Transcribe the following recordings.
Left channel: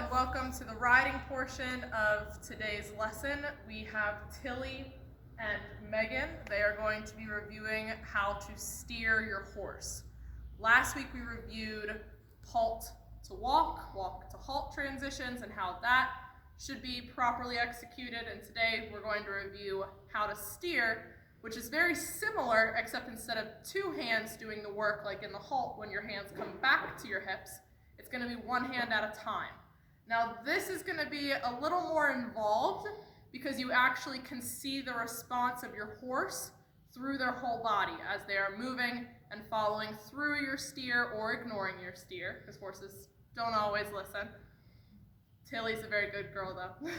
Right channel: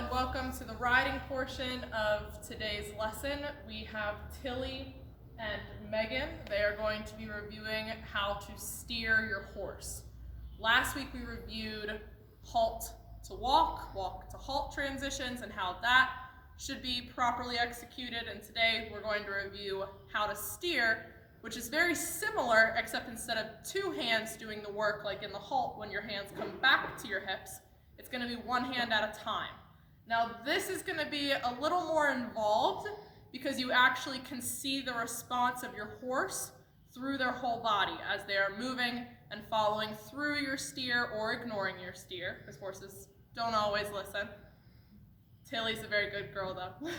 and welcome to the riding portion of today's lesson. We have Tilly and Megan. They are going to be reviewing how to steer your horse. Last week we reviewed halt to walk, walk to halt transitions and how that should be properly executed, and today we're going to review how to steer, which is very similar except instead of two hands doing the work like in the halt when your hands come back to your hips, it's going to be one hand at a time. Now this is going to be a little more involved because you actually can see the response of your horse through their whole body as they are moving and following through your steer or ignoring your steer, because horses don't always listen. Tilly's a very good girl though.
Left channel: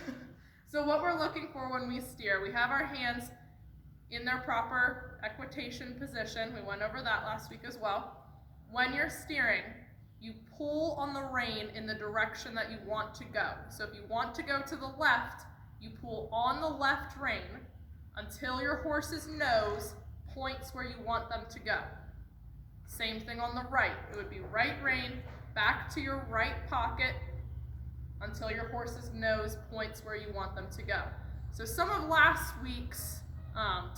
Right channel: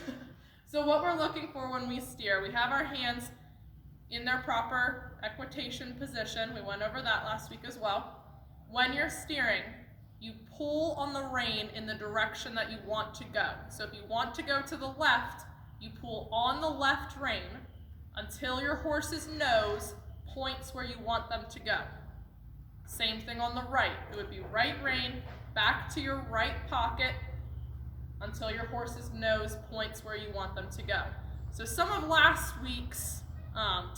So what we're looking for when we steer, we have our hands in their proper equitation position. We went over that last week as well. When you're steering, you pull on the rein in the direction that you want to go. So if you want to go to the left, you pull on the left rein until your horse's nose points where you want them to go. Same thing on the right. It would be right rein back to your right pocket until your horse's nose points where you want them to go. So some of last week's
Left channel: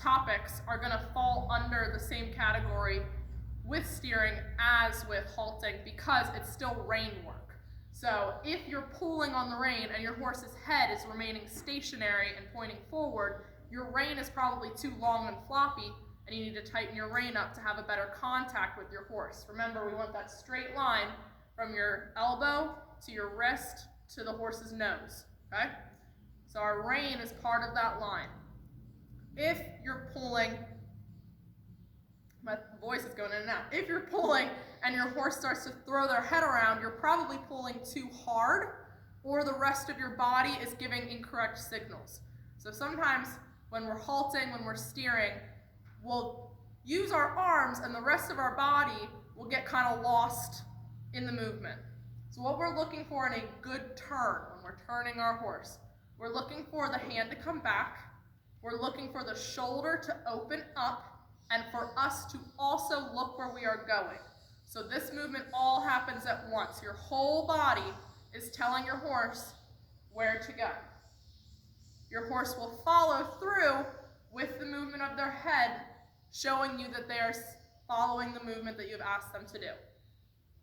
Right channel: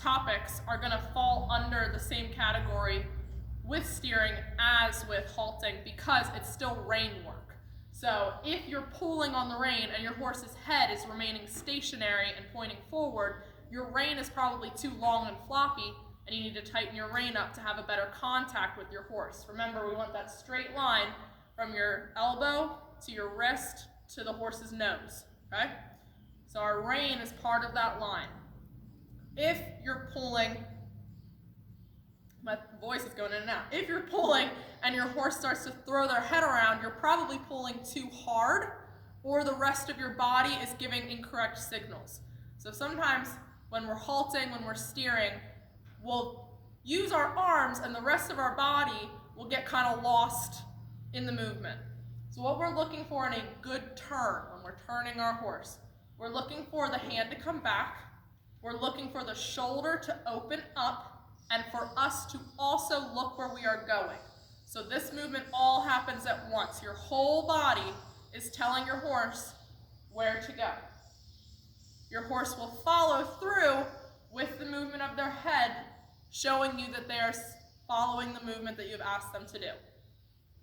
topics are going to fall under the same category with steering as with halting because it's still rein work. So if you're pulling on the rein and your horse's head is remaining stationary and pointing forward, your rein is probably too long and floppy and you need to tighten your rein up to have a better contact with your horse. Remember, we want that straight line from your elbow to your wrist to the horse's nose, okay? So our rein is part of that line. If you're pulling, my voice is going in and out. If you're pulling and your horse starts to throw their head around, you're probably pulling too hard or the rest of your body is giving incorrect signals. So sometimes when we're halting, when we're steering, we'll use our arms and the rest of our body will get kind of lost in the movement. So what we're looking for in a good turn when we're turning our horse, we're looking for the hand to come back, we're looking for the shoulder to open up, and for us to also look where we are going. So this movement all happens at once. Your whole body is telling your horse where to go. Your horse will follow through with the movement of their head, showing you that they are following the movement that you've asked them to do.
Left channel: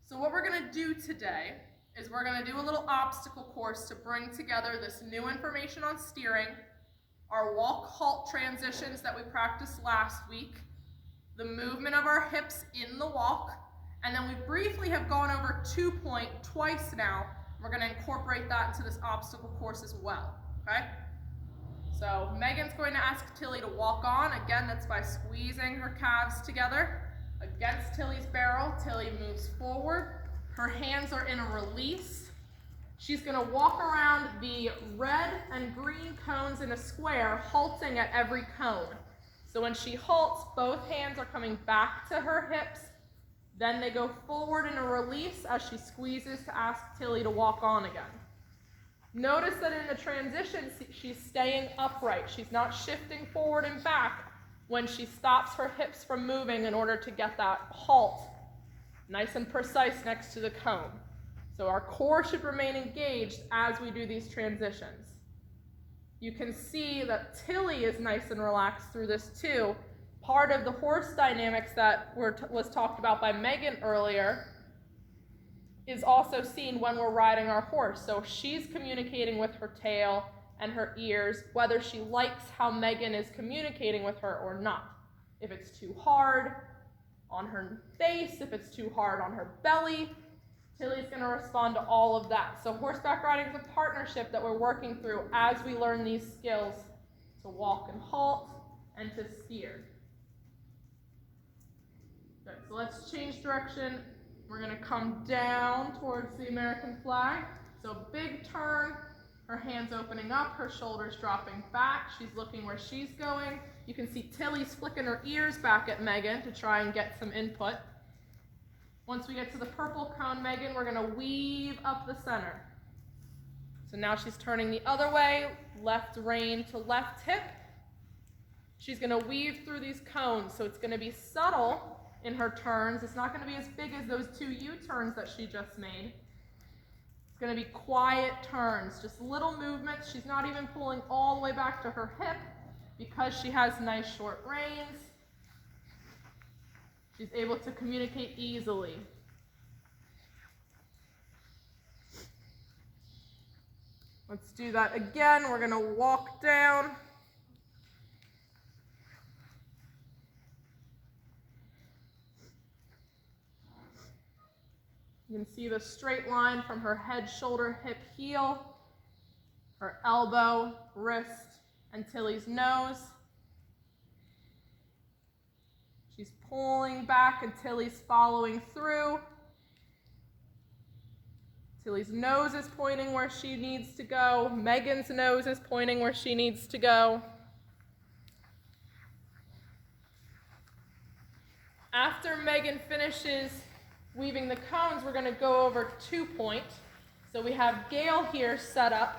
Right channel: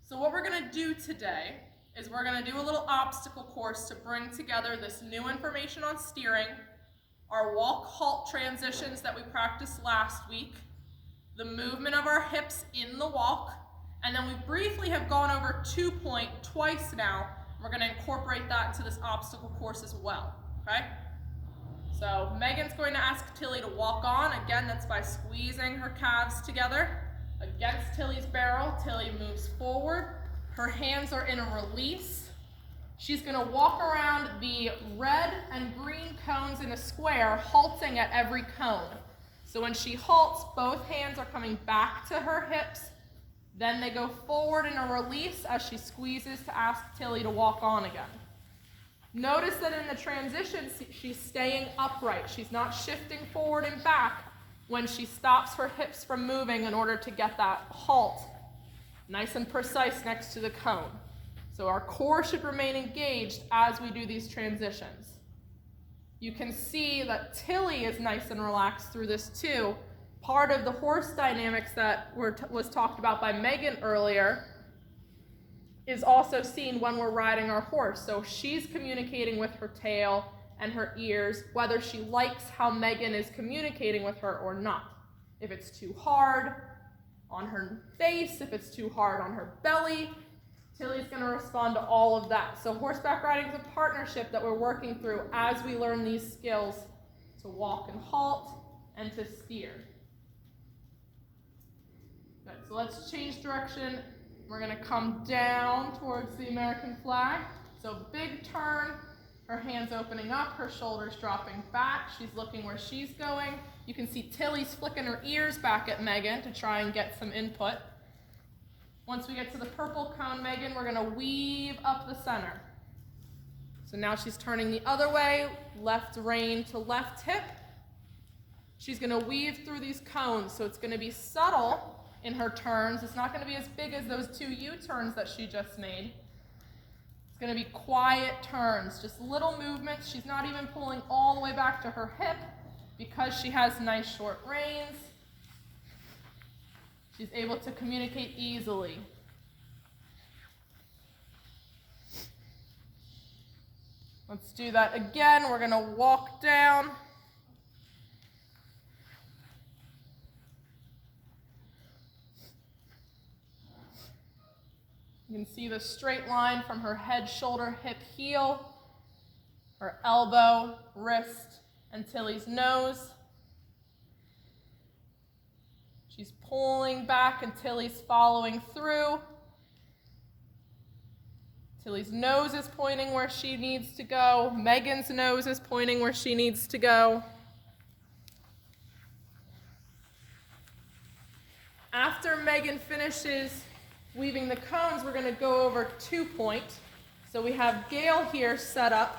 So what we're going to do today is we're going to do a little obstacle course to bring together this new information on steering, our walk-halt transitions that we practiced last week, the movement of our hips in the walk, and then we briefly have gone over 2-point twice now. We're going to incorporate that into this obstacle course as well, okay? So Megan's going to ask Tilly to walk on. Again, that's by squeezing her calves together against Tilly's barrel. Tilly moves forward. Her hands are in a release. She's going to walk around the red and green cones in a square, halting at every cone. So when she halts, both hands are coming back to her hips. Then they go forward in a release as she squeezes to ask Tilly to walk on again. Notice that in the transition, she's staying upright. She's not shifting forward and back when she stops her hips from moving in order to get that halt nice and precise next to the cone. So our core should remain engaged as we do these transitions. You can see that Tilly is nice and relaxed through this too. Part of the horse dynamics that was talked about by Megan earlier is also seen when we're riding our horse. So she's communicating with her tail and her ears, whether she likes how Megan is communicating with her or not. If it's too hard on her face, if it's too hard on her belly, Tilly's going to respond to all of that. So horseback riding is a partnership that we're working through as we learn these skills to walk and halt and to steer. Good, so let's change direction. We're going to come down towards the American flag. So big turn, her hands opening up, her shoulders dropping back. She's looking where she's going. You can see Tilly's flicking her ears back at Megan to try and get some input. Once we get to the purple cone, Megan, we're going to weave up the center. So now she's turning the other way, left rein to left hip. She's going to weave through these cones, so it's going to be subtle in her turns. It's not going to be as big as those two U-turns that she just made. going to be quiet turns, just little movements. She's not even pulling all the way back to her hip because she has nice short reins. She's able to communicate easily. Let's do that again. We're going to walk down. You can see the straight line from her head, shoulder, hip, heel, her elbow, wrist, and Tilly's nose. She's pulling back and Tilly's following through. Tilly's nose is pointing where she needs to go. Megan's nose is pointing where she needs to go. After Megan finishes weaving the cones, we're going to go over 2-point. So we have Gail here set up,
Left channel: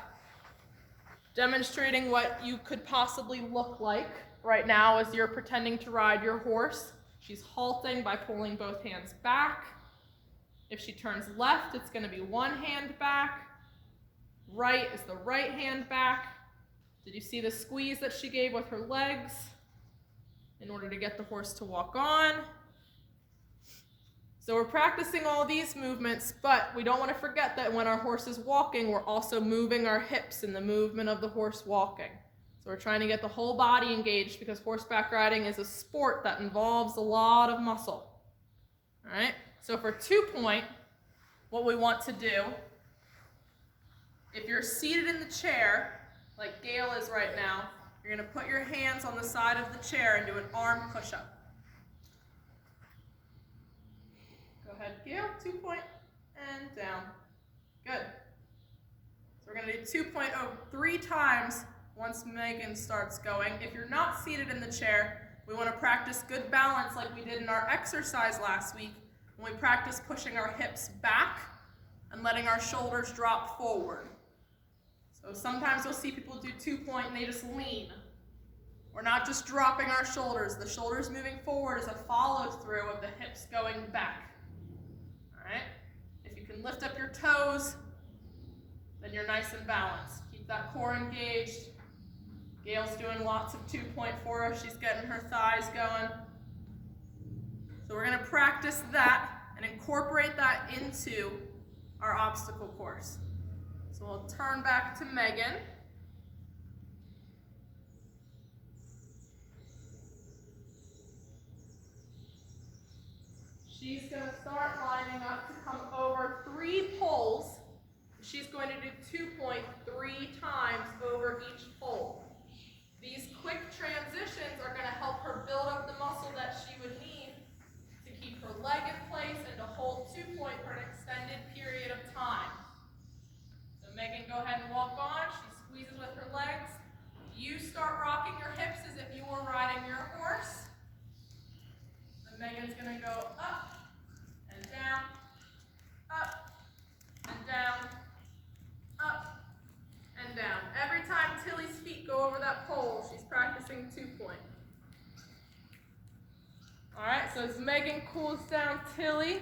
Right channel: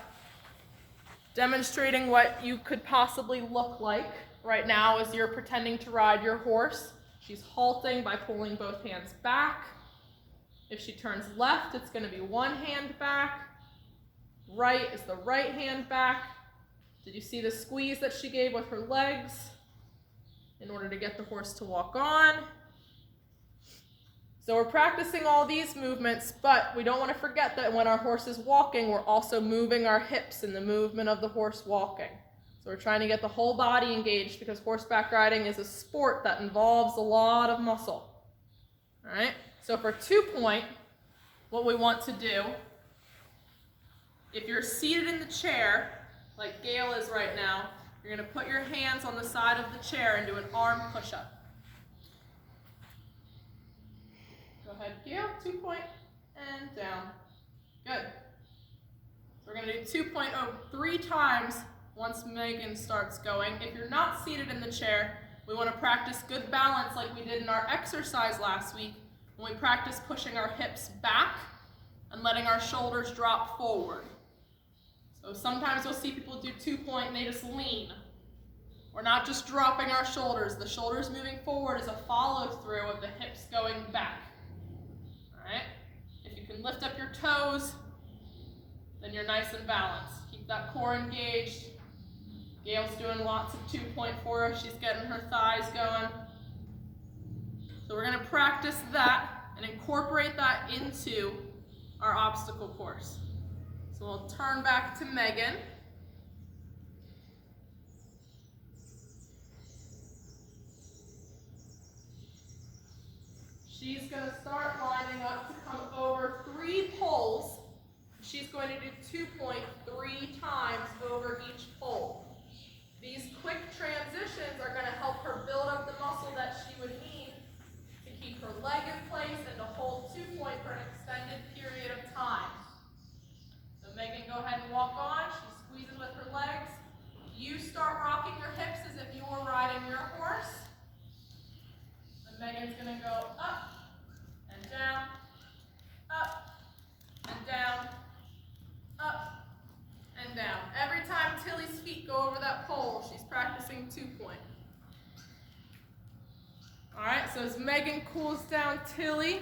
demonstrating what you could possibly look like right now as you're pretending to ride your horse. She's halting by pulling both hands back. If she turns left, it's going to be one hand back. Right is the right hand back. Did you see the squeeze that she gave with her legs in order to get the horse to walk on? So we're practicing all these movements, but we don't want to forget that when our horse is walking, we're also moving our hips in the movement of the horse walking. So we're trying to get the whole body engaged because horseback riding is a sport that involves a lot of muscle. All right? So for 2-point, what we want to do, if you're seated in the chair, like Gail is right now, you're going to put your hands on the side of the chair and do an arm push-up. Go ahead, Gail, 2-point, and down. Good. So we're going to do 2-point 3 times once Megan starts going. If you're not seated in the chair, we want to practice good balance like we did in our exercise last week when we practiced pushing our hips back and letting our shoulders drop forward. So sometimes you'll see people do 2-point and they just lean. We're not just dropping our shoulders. The shoulders moving forward is a follow-through of the hips going back. All right? If you can lift up your toes, then you're nice and balanced. Keep that core engaged. Gail's doing lots of 2-point for us. She's getting her thighs going. So we're going to practice that and incorporate that into our obstacle course. So we'll turn back to Megan. She's going to start lining up to come over 3 poles. She's going to do 2-point 3 times over each pole. These quick transitions are going to help her build up the muscle that she would need to keep her leg in place and to hold 2-point for an extended period of time. So Megan, go ahead and walk on. She squeezes with her legs. You start rocking your hips as if you were riding your horse. And Megan's going to go up and down, up and down, up and down. Every time Tilly's feet go over that pole, she's practicing 2-point. All right, so as Megan cools down Tilly,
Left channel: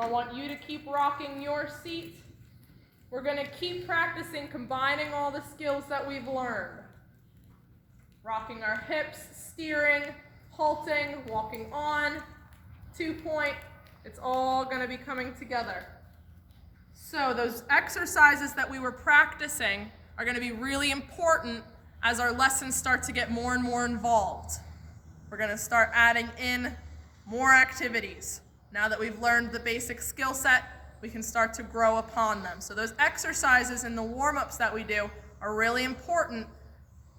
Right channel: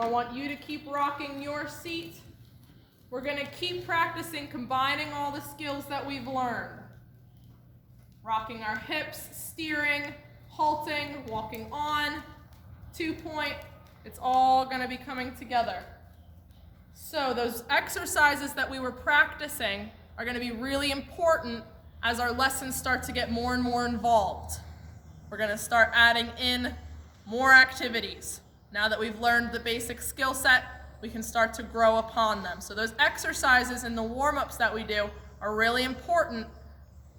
I want you to keep rocking your seat. We're going to keep practicing combining all the skills that we've learned. Rocking our hips, steering, halting, walking on, 2-point. It's all going to be coming together. So those exercises that we were practicing are going to be really important as our lessons start to get more and more involved. We're going to start adding in more activities. Now that we've learned the basic skill set, we can start to grow upon them. So those exercises and the warm-ups that we do are really important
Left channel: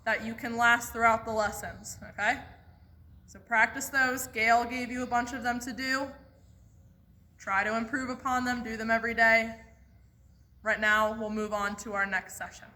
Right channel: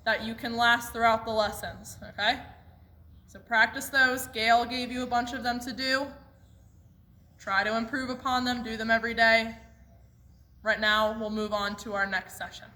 that you can last throughout the lessons, okay? So practice those. Gail gave you a bunch of them to do. Try to improve upon them, do them every day. Right now, we'll move on to our next session.